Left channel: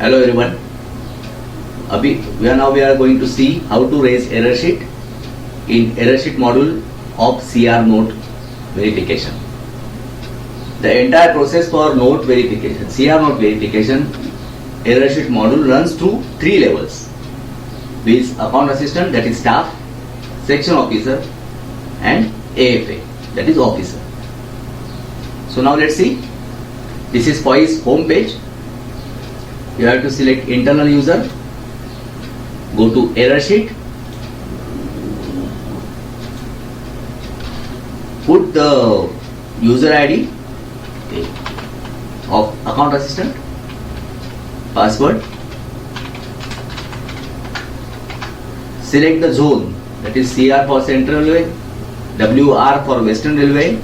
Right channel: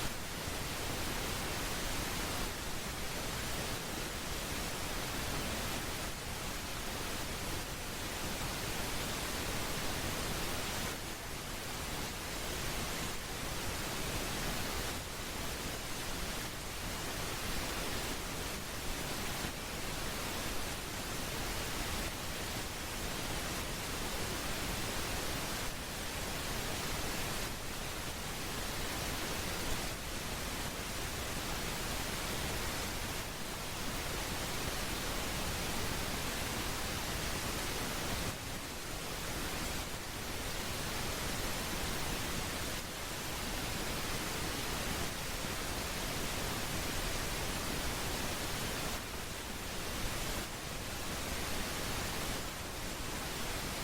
Hello everyone. We are going to see how to raise error sheet in error sheet module of CR node verification. The entire process for node verification, CR node verification, error sheet module runs through 3 levels. With account assistant, that is staff, section officer, and AFA, that is officer. So now let's see. This is FOIS home page. You have to select internal user, go to error sheet, put the user ID of account assistant, password, select the zone, that is CR for Central Railway, WR for Western Railway,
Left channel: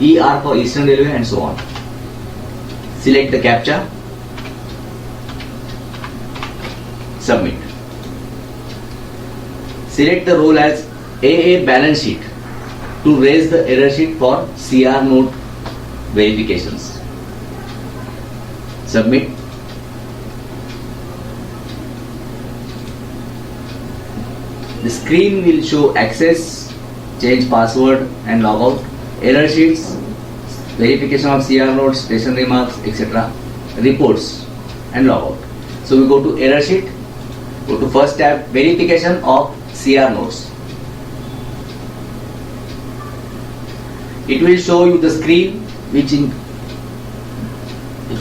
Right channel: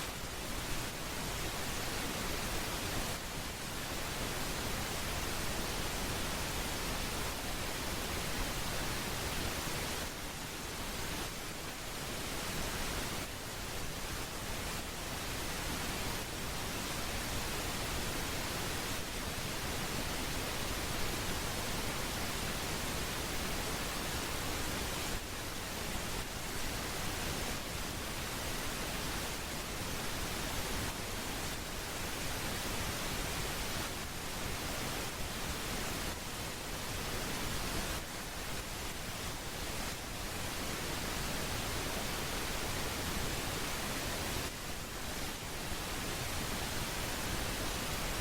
ER for Eastern Railway, and so on. Select the CAPTCHA, submit. Select the role as AA balance sheet to raise the error sheet for CR node verifications. Submit. The screen will show access, change password and logout, error sheets, verification of CR nodes, station remarks, etc., reports and logout. So we go to error sheet, go to first tab, verification of CR nodes. It will show you the screen which in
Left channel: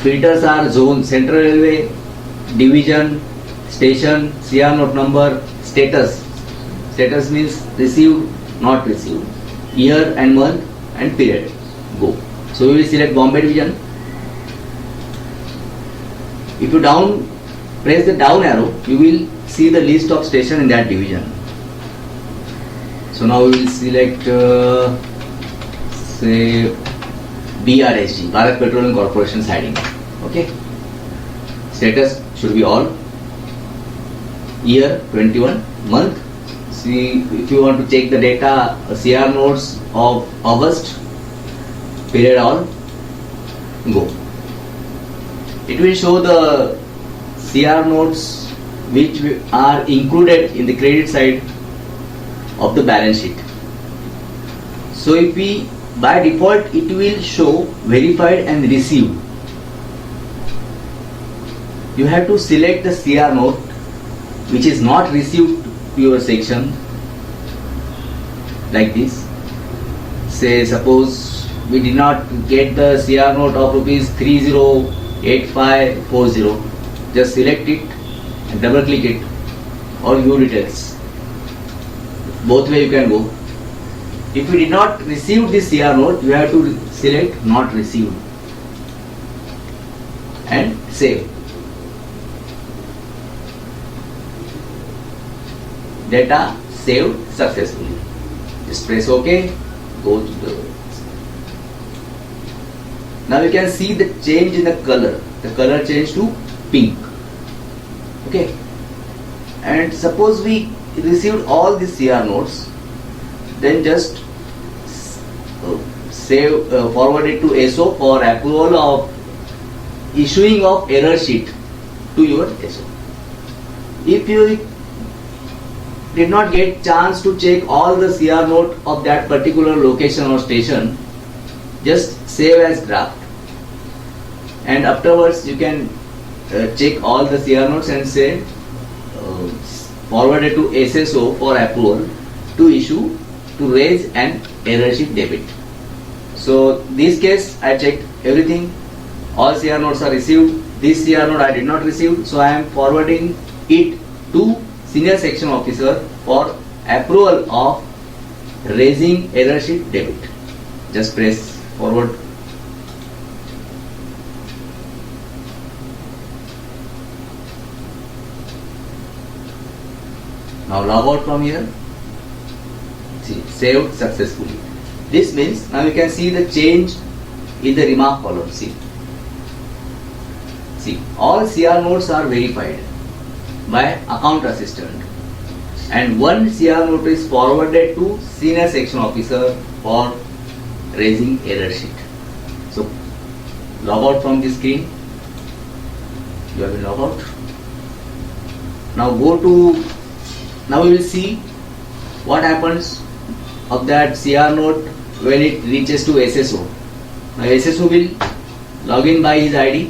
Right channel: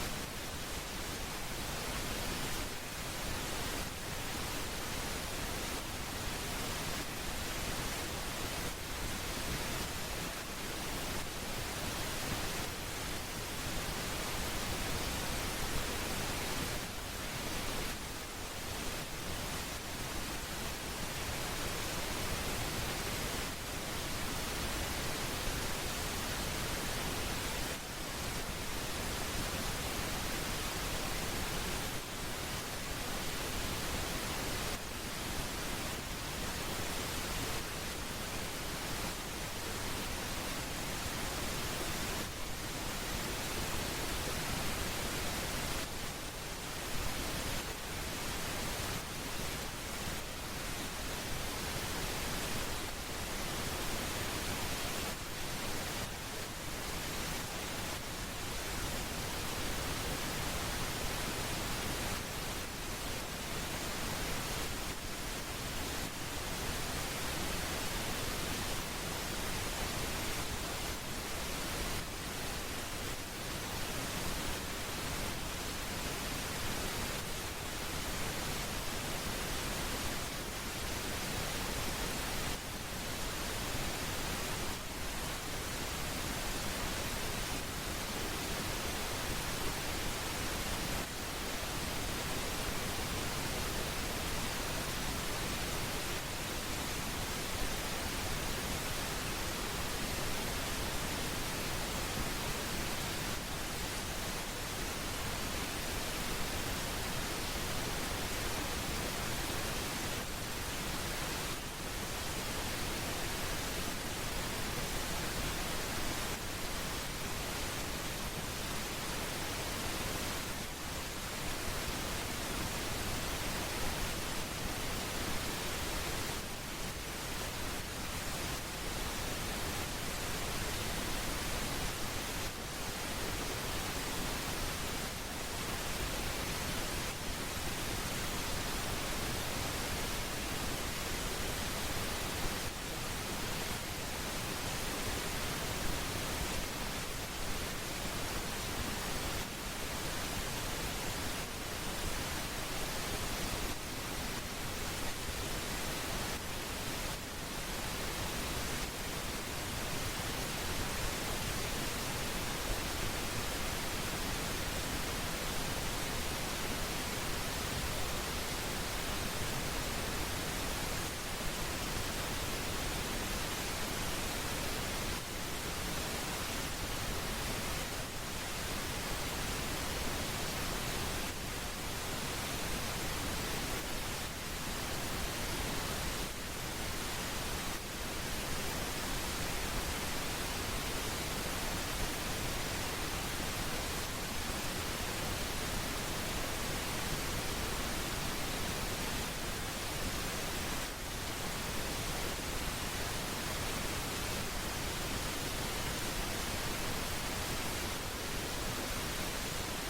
filters are zone, Central Railway, division, station, CR node number, status. Status means received, not received, year and month and period. Go. So we will select Bombay division. If you press the down arrow, you will see the list of station in that division. So now we will select say BRSG, Bharat Petroleum Corporation siding. Okay. Status should be all. Year 21, month. See, if you want to check the data, CR nodes of August, period all, go. It will show the CR nodes which are included in the credit side of the balance sheet. So if we, by default, it will show verified and received. You have to select the CR node which is not received to your section, like this. Say suppose we did not get the CR node of rupees 308540. Just select it and double click it, or view details. Both way you can go. If you did not receive this CR node, you have to select not received and save. Data saved successfully. Just press OK. Go to the. Now you can see the change in the color. The color changed to pink. Okay. And suppose we received all the CR nodes, then just forward it to SO for approval of issuing of error sheet to your SO. If you did not get chance to check all the CR node of that particular location or station, just save as draft, and afterwards you can check all the CR nodes and say forward it to SSO for approval to issue to raise an error sheet debit. So this case I checked everything, all CR nodes are received. This CR node I did not receive, so I am forwarding it to senior section officer for approval of raising error sheet debit. Just press forward. Now log out from here. See, saved successfully. This means now you can see the change in the remark column. See, all CR nodes are verified by account assistant, and one CR node is forwarded to senior section officer for raising error sheet. So log out from the screen. You have been logged out. Now now we will see what happens of that CR node when it reaches to SSO. Now SSO will log in by his ID,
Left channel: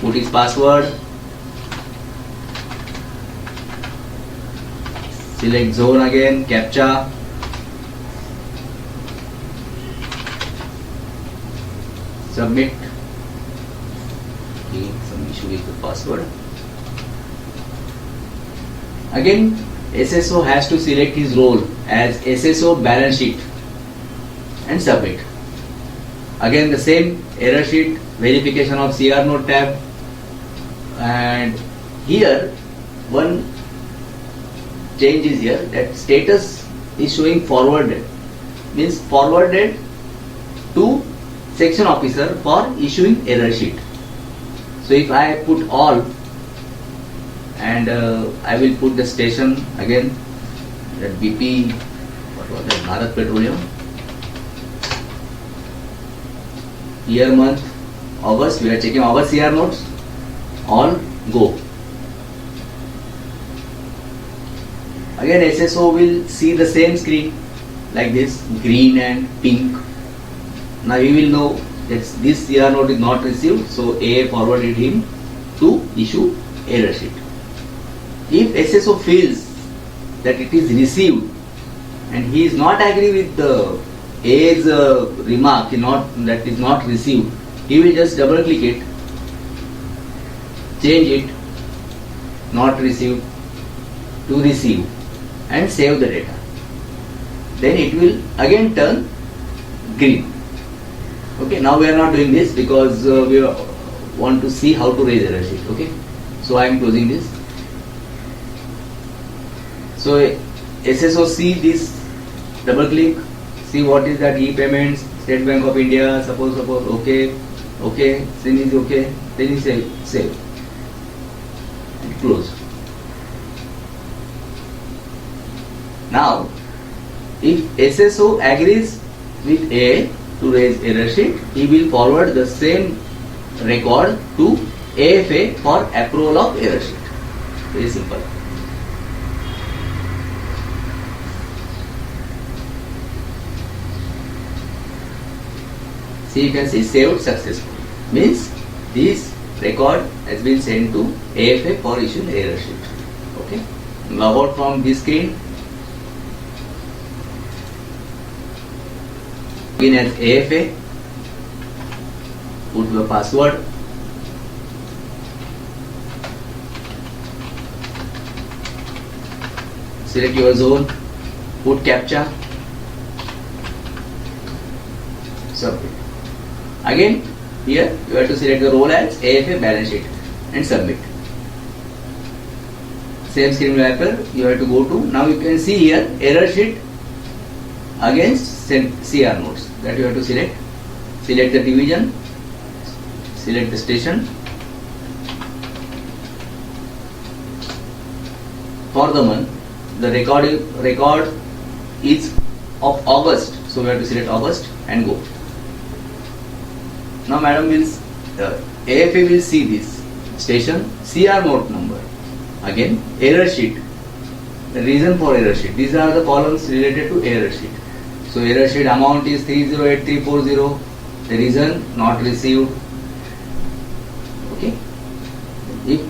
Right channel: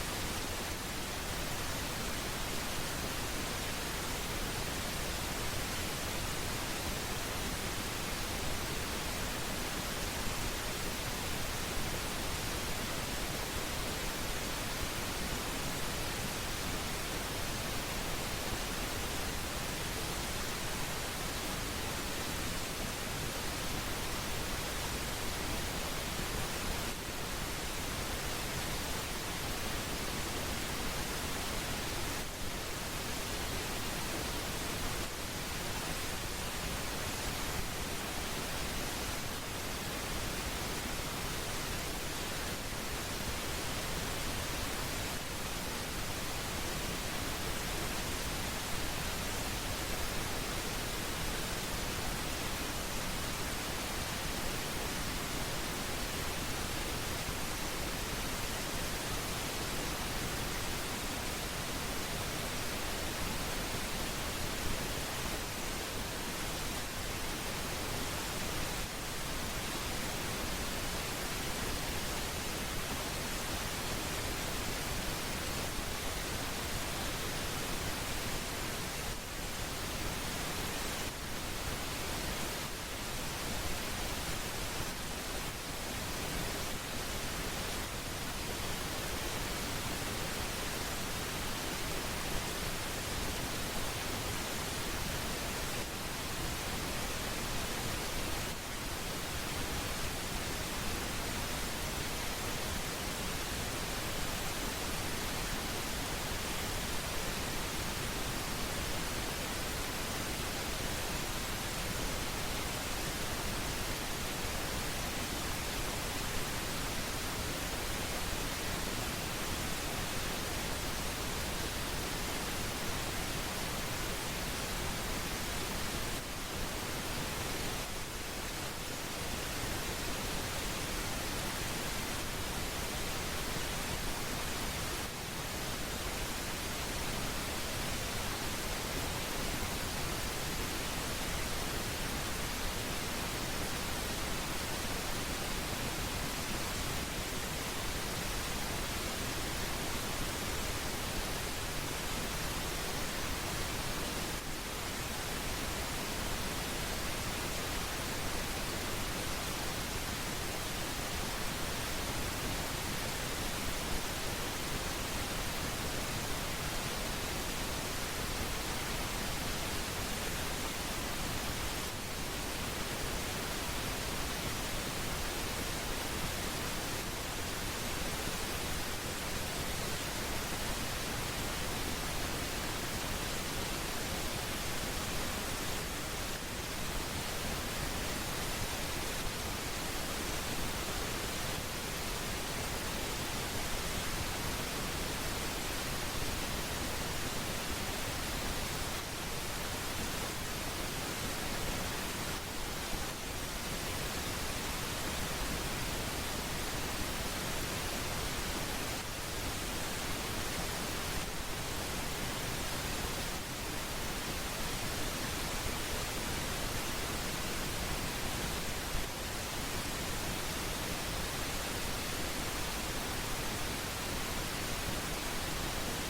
put his password, select zone again, CAPTCHA, submit. Some issue with the password. Again, SSO has to select his role as SSO balance sheet and submit. Again, the same error sheet, verification of CR node tab, and here one change is here, that status is showing forwarded, means forwarded to section officer for issuing error sheet. So if I put all and I will put the station again, that BP, what was that, Bharat Petroleum, year, month, August, we are checking our CR nodes, all go. Again SSO will see the same screen like this, green and pink. Now he will know that this CR node is not received, so AA forwarded him to issue error sheet. If SSO feels that it is received and he is not agree with the A's remark that is not received, he will just double click it, change it, not received to receive, and save the data. Then it will again turn green. Okay, now we are not doing this because we want to see how to raise error sheet. Okay, so I am closing this. So SSO see this, double click, see what is that e-payments, State Bank of India, suppose, okay, then is okay, then you save, close. Now, if SSO agrees with A to raise error sheet, he will forward the same record to AFA for approval of error sheet. Very simple. See, you can see saved successfully. Means this record has been sent to AFA for issuing error sheet. Okay. Log out from this screen. Begin as AFA. Put the password. Select your zone. Put CAPTCHA. Submit. Again, here you have to select the role as AFA balance sheet and submit. Same screen will appear. You have to go to, now you can see here error sheet against CR nodes, that you have to select. Select the division, select the station. For the month, the record is of August, so we have to select August and go. Now madam will, AFA will see this station, CR node number, again error sheet, the reason for error sheet. These are the columns related to error sheet. So error sheet amount is 308340, the reason not received. Okay. If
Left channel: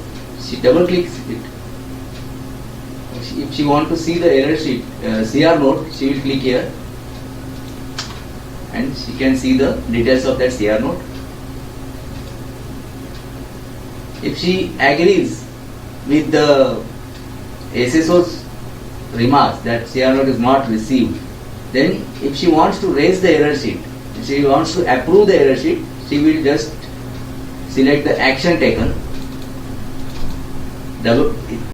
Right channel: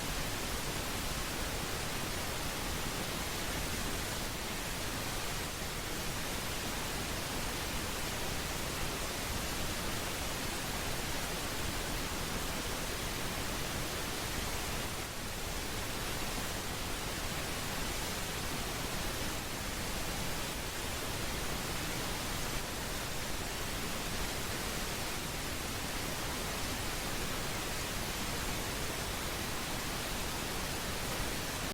she double clicks it, if she want to see the error sheet, CR node, she will click here and she can see the details of that CR node. If she agrees with the SSO's remark that CR node is not received, then if she wants to raise the error sheet, if she wants to approve the error sheet, she will just select the action taken, double